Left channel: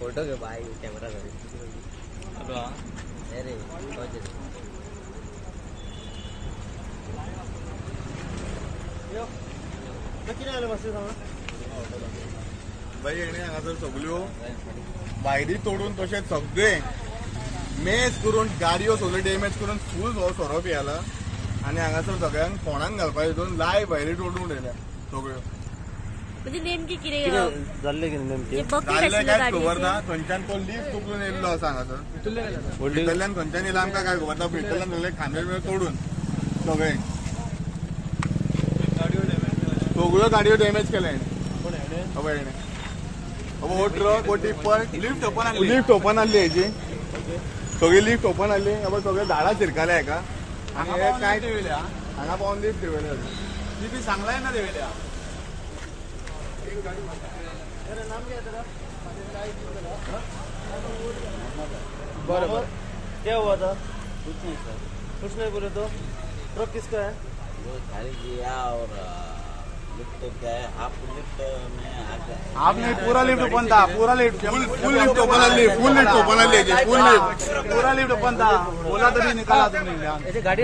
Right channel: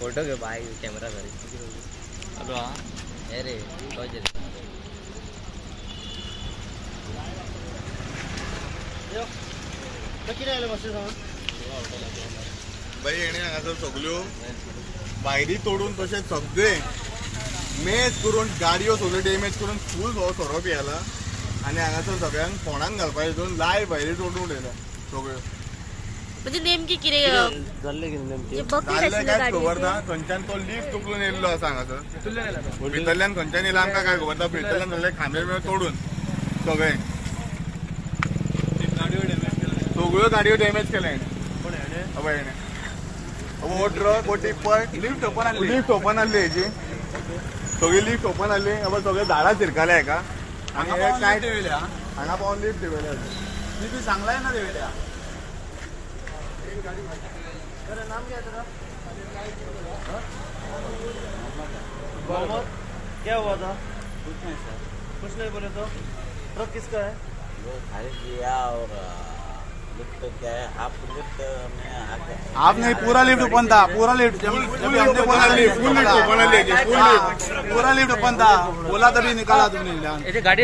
Photo के भाई camera अरे भाई येणे हांगासर सगल्यो वायरी तोडून तशें सगळे मेज करून गाडयो सगळ्यो डॅमेज करून फूल हो सोरो पियाला आनी हांगासर सगळ्यांक फोंडान घालपाक हितून लाय भायरी तोडून उडयल्या सगळ्यो. म्हणजे नेमकी कितें जाल्लें काय खबर ना. थंयच्यान तो लिफ्ट उखलून येयल्लो आसा हांगासर भितरल्यान खंयच्यान येयला आमकां काय खबर ना. भितरल्यान जाल्ले खांबे बिंबे तोडून सगळे सगळ्यो गाडयो डॅमेज केल्या हेणे. वो ट्रक वो टिप्पर लिफ्ट ओपन आहली हेजी सगळी लिफ्ट ओपन आहली. सगळे झाडां चिरकाले हेका आनी हांगा पावन लिफ्ट देवयल्या ती सांगलाय ना देवयल्या. नाम क्या तेरा? क्या हुआ था? कुछ नहीं सर. कुछ नहीं बोले तो ट्रक किसका है? वो खाली किया और लिफ्ट क्या है आप लिफ्ट में आके आपने पूरा लिफ्ट ओपन था. पूरा लिफ्ट फुल लिफ्ट ओपन आली. फुल लिफ्ट ओपन आली. फुल लिफ्ट पूरा लिफ्ट ओपन था. बोला तभी निकाला तुमने. गाड़ी